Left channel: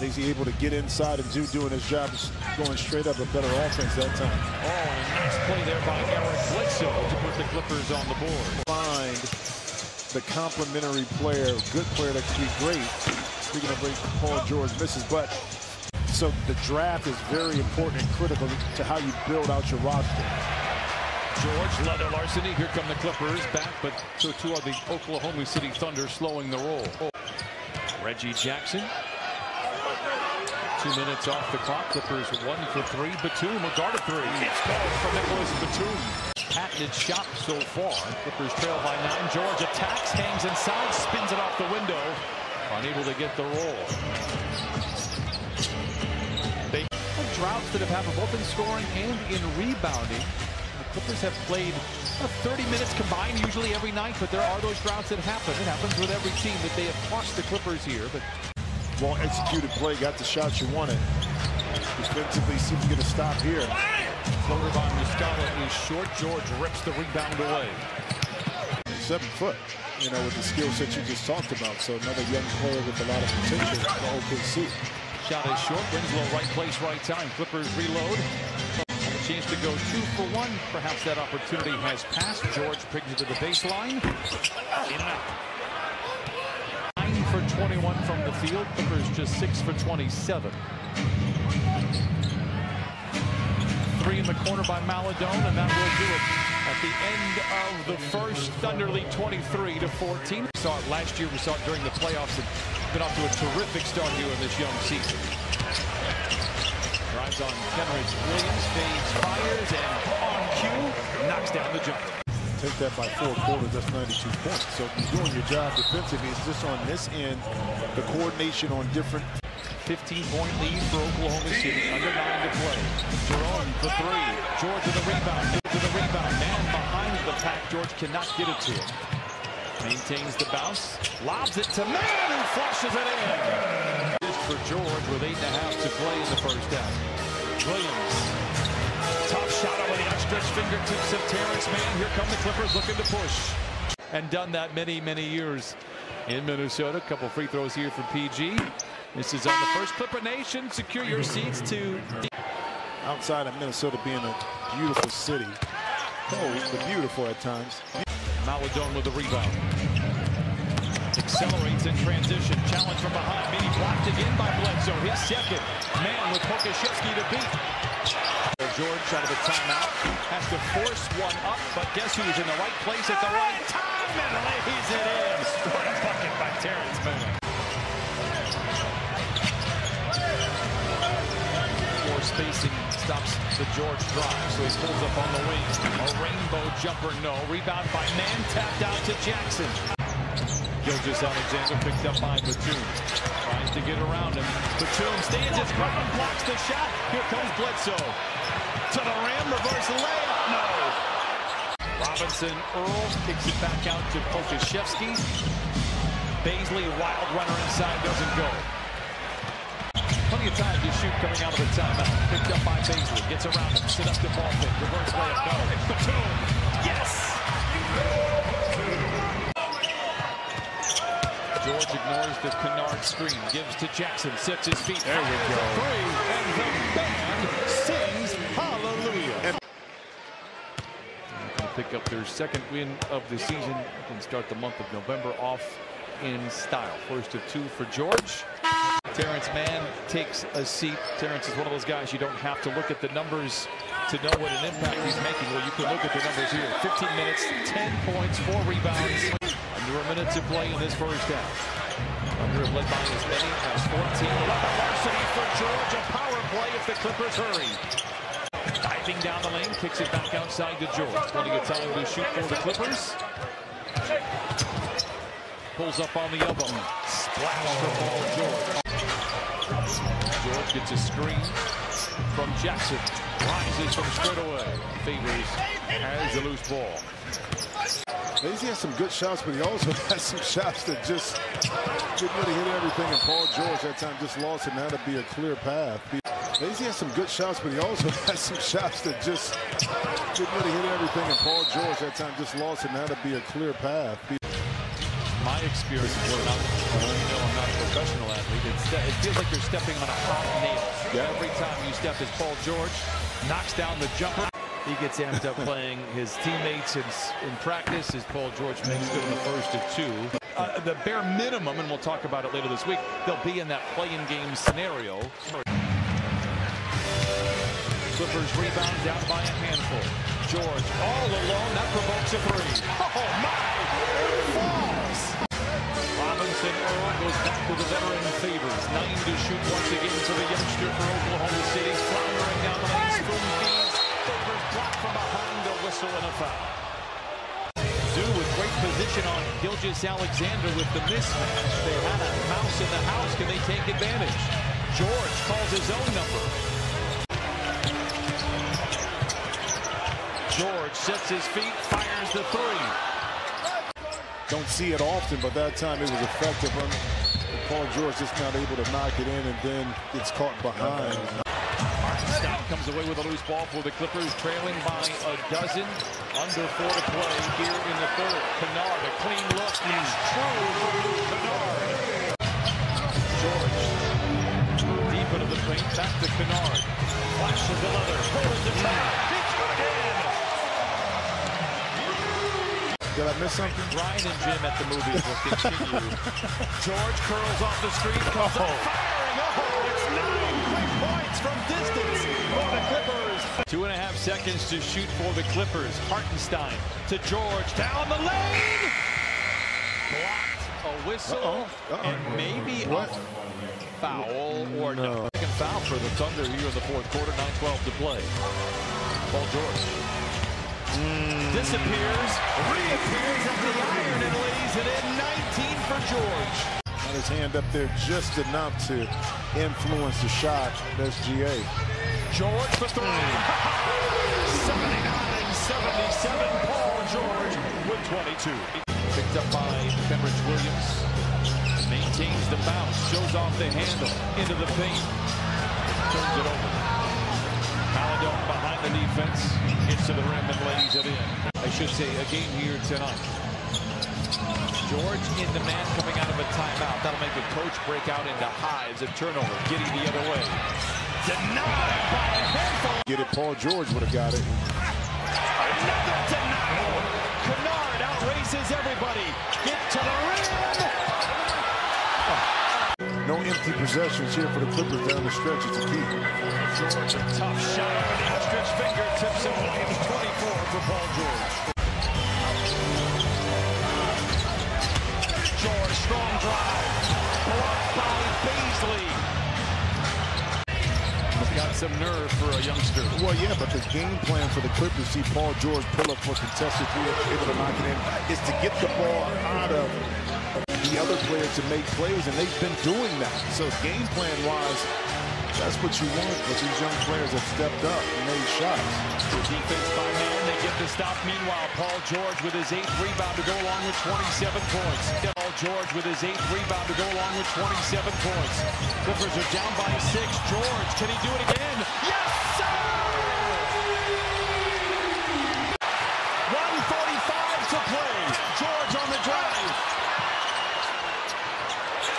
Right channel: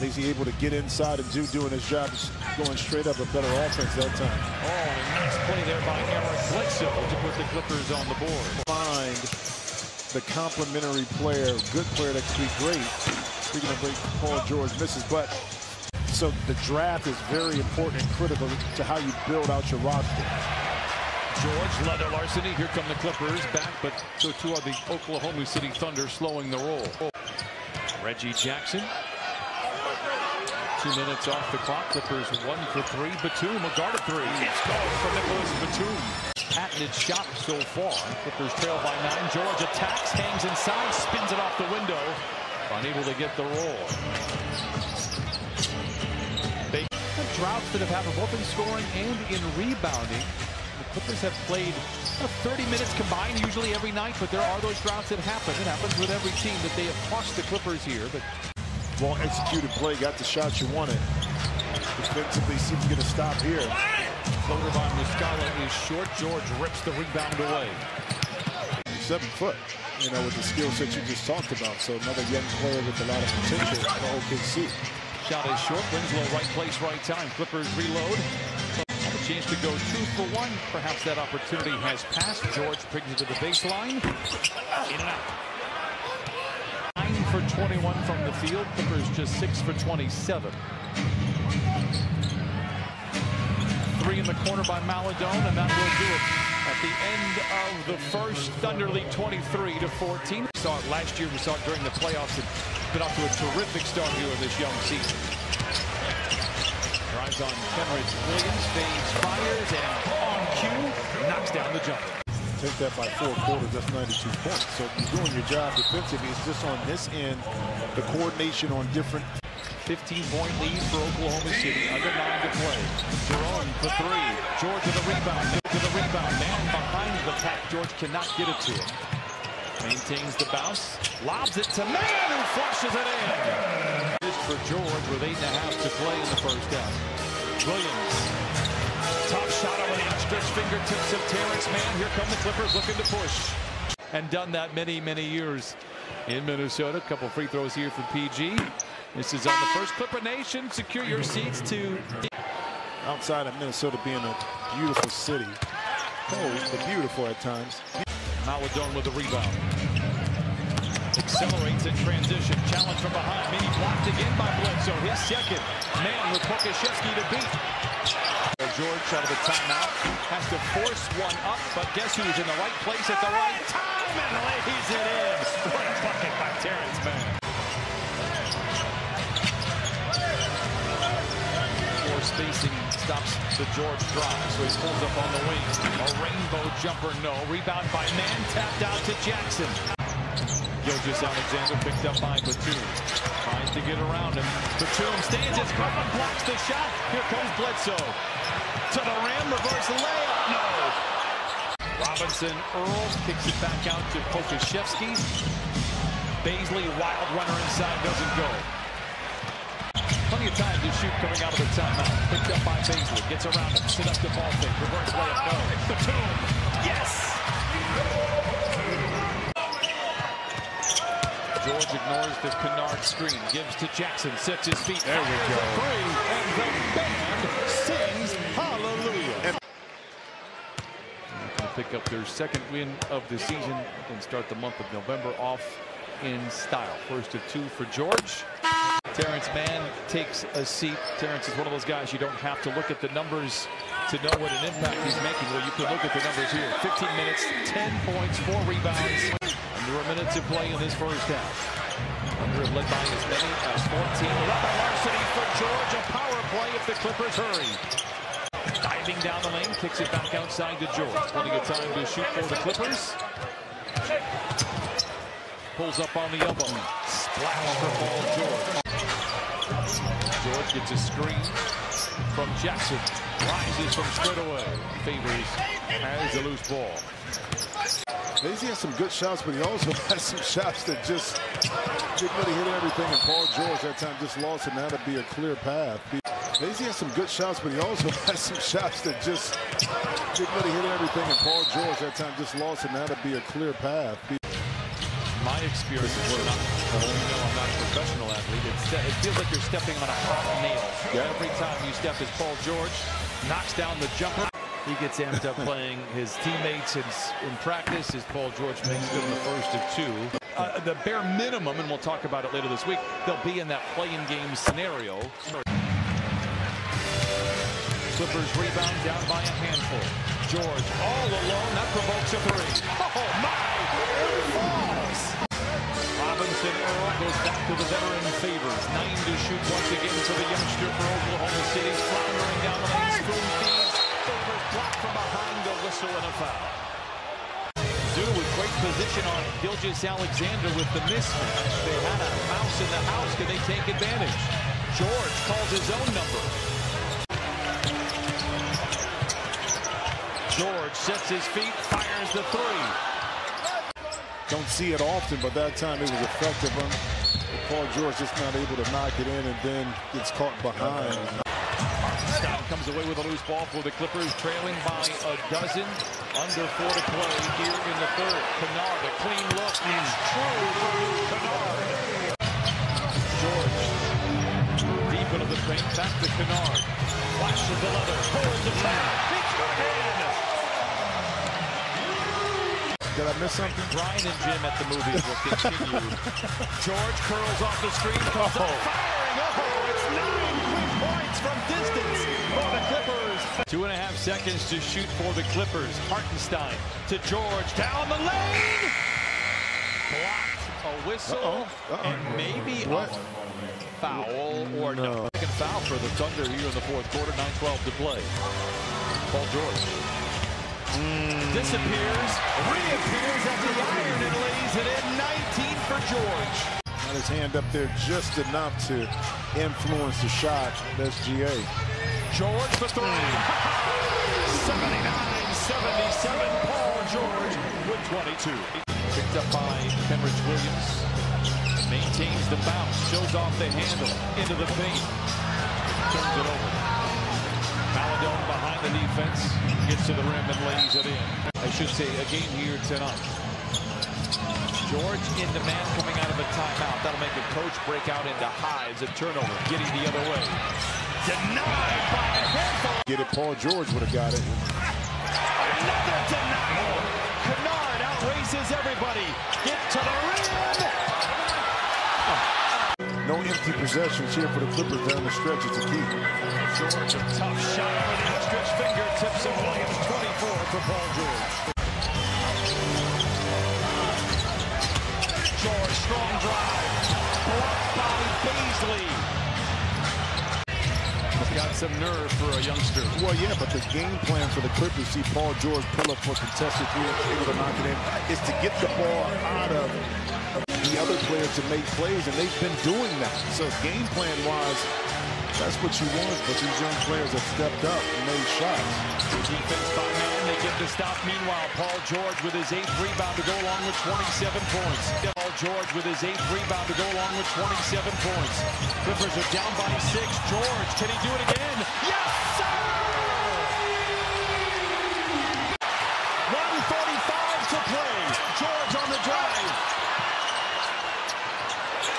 Is he able to get inside and doing his job, going straight up, a better offense that time. Oh, and a nice play there by Eric Bledsoe to put the Clippers on the board. Find the complementary player, good player that could be great. Speaking of great, Paul George misses, but so the draft is very important and critical to how you build out your roster. George, leather larceny. Here come the Clippers back, but so too are the Oklahoma City Thunder, slowing the roll. Reggie Jackson. 2 minutes off the clock. Clippers 1 for 3. Batum, a guarded 3. It's good for Nicholas Batum. Patented shot so far. Clippers trail by 9. George attacks, hangs inside, spins it off the window. Unable to get the roll. They have droughts that have happened both in scoring and in rebounding. The Clippers have played 30 minutes combined usually every night, but there are those droughts that happen. It happens with every team that they have cost the Clippers here. But well executed play, got the shot you wanted. Defensively, see if you get a stop here. Floater by Muscala is short. George rips the rebound away. 7 foot, you know, with the skill set you just talked about. So another young player with a lot of potential for OKC. Shot is short. Winslow, right place, right time. Clippers reload. Have a chance to go 2 for 1. Perhaps that opportunity has passed. George brings it to the baseline. In and out. 9 for 21 from the field. Clippers just 6 for 27. 3 in the corner by Maladone, and that will do it. At the end of the first, Thunder lead 23-14. We saw it last year. We saw it during the playoffs. And been off to a terrific start here in this young season. Drives on Kenrich Williams, fades, fires, and on cue, knocks down the jumper. Take that by 4 quarters, that's 92 points. So you're doing your job defensively. It's just on this end, the coordination on different. 15-point lead for Oklahoma City, under 9 to play. Jerome for 3. George with a rebound. Man behind the pack. George cannot get it to him. Maintains the bounce. Lobs it to Man, who flushes it in. Just for George with 8.5 to play in the first half. Williams. Tough shot over the outstretched fingertips of Terrence Mann. Here come the Clippers looking to push. And done that many, many years in Minnesota. A couple free throws here for PG. This is on the first Clipper Nation. Secure your seats to... Outside of Minnesota being a beautiful city. Cold, but beautiful at times. Maladone with the rebound. Accelerates in transition. Challenge from behind. Mini blocked again by Bledsoe. His second. Man with Pokashevsky to beat. George out of the timeout. Has to force one up, but guess who's in the right place at the right time and lays it in. What a bucket by Terrence Mann. Poor spacing stops the George drive, so he pulls up on the wing. A rainbow jumper, no. Rebound by Man, tapped out to Jackson. Gilgeous-Alexander picked up by Batum. Tries to get around him. Batum stands his ground, blocks the shot. Here comes Bledsoe. To the rim, reverse layup, no. Robinson, Earl kicks it back out to Pokashevsky. Baisley, wild runner inside, doesn't go. Plenty of time to shoot coming out of the timeout. Picked up by Baisley. Gets around him. Sit up to ball fake. Reverse layup. No. Batum. Yes. George ignores the Kennard screen. Gives to Jackson. Sets his feet. There we go. Three, and the band sings hallelujah. Going to pick up their second win of the season and start the month of November off in style. First of 2 for George. Terrence Mann takes a seat. Terrence is one of those guys you don't have to look at the numbers to know what an impact he's making. Well, you can look at the numbers here. 15 minutes, 10 points, 4 rebounds. Under a minute to play in this first half. Under have led by as many as 14. Leather larceny for George. A power play if the Clippers hurry. Diving down the lane, kicks it back outside to George. Plenty of time to shoot for the Clippers. Pulls up on the elbow. Splash for Paul George. George gets a screen from Jackson. Rises from straight away. Favors has the loose ball. Lazy has some good shots, but he also has some shots that just didn't really hit everything. And Paul George that time just lost it. Now to be a clear path. Lazy has some good shots, but he also has some shots that just didn't really hit everything. And Paul George that time just lost it. Now to be a clear path. my experience, you know, I'm not a professional athlete. It feels like you're stepping on a hot nail. Every time you step, as Paul George knocks down the jumper. He gets amped up playing his teammates in practice as Paul George makes good on the first of two. The bare minimum, and we'll talk about it later this week, they'll be in that play-in game scenario. Clippers rebound down by a handful. George all alone. That provokes a three. Oh, my! It falls! Robinson Earl goes back to the veteran Favors. 9 to shoot once again to the youngster for Oklahoma City. Floundering down the lane. Spoon feeds. Favors blocked from behind, a whistle and a foul. Zoo with great position on Gilgeous-Alexander with the mismatch. They had a mouse in the house. Can they take advantage? George calls his own number. George sets his feet, fires the three. Don't see it often, but that time it was effective. Paul George just not able to knock it in and then gets caught behind. Hartenstein comes away with a loose ball for the Clippers, trailing by a dozen. Under 4 to play here in the third. Kennard, a clean look is true for Luke Kennard. George deep into the paint, back to Kennard. Flashes the leather, pulls the trap, it's good again. Did I miss something? Brian and Jim at the movies will continue. George curls off the screen, comes up firing. Oh, it's 9 quick points from distance for the Clippers. 2.5 seconds to shoot for the Clippers. Hartenstein to George, down the lane. Blocked, a whistle, and maybe a foul or no. Second foul for the Thunder here in the fourth quarter. 9:12 to play. Paul George disappears, reappears at the iron and lays it in. 19 for George. Got his hand up there just enough to influence the shot. That's GA. George for three. 79-77. Paul George with 22. Picked up by Kenrich Williams. Maintains the bounce, shows off the handle, into the paint, turns it over. Maladone behind the defense, gets to the rim and lays it in. I should say a game here tonight. George in the man coming out of a timeout. That'll make a coach break out into hives. A turnover, Giddey the other way. Denied by a handful. Get it, Paul George would have got it. Another denial. Kennard outraces everybody. Get to the rim. No empty possessions here for the Clippers down the stretch. It's a key. George, a tough shot over the outstretched fingertips of Williams. 24 for Paul George. George, strong drive. Blocked by Baisley. Got some nerve for a youngster. Well, yeah, but the game plan for the Clippers, see Paul George pull up for contested three, able to knock it in, is to get the ball out of the other players to make plays, and they've been doing that. So game plan-wise, that's what you want, but these young players have stepped up and made shots. Good defense by man, they get the stop. Meanwhile, Paul George with his 8th rebound to go along with 27 points. Paul George with his 8th rebound to go along with 27 points. Clippers are down by 6. George, can he do it again? Yes, sir! 1:45 to play. George on the drive.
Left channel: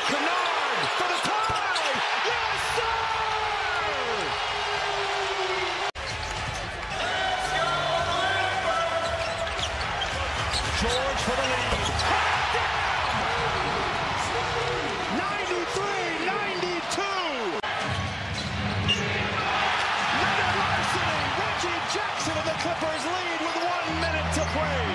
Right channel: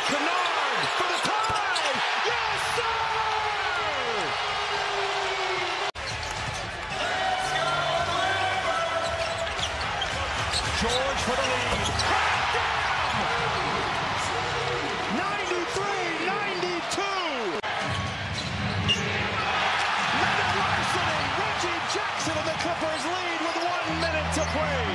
Kennard for the tie! Yes, sir! George for the lead. Hot down! 93-92! Another larceny! Reggie Jackson and the Clippers lead with 1 minute to play.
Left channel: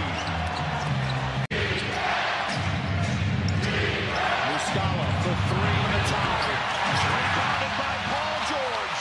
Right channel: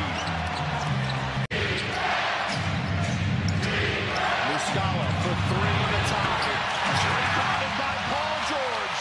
Muscala for 3 in the tie. Rebounded by Paul George.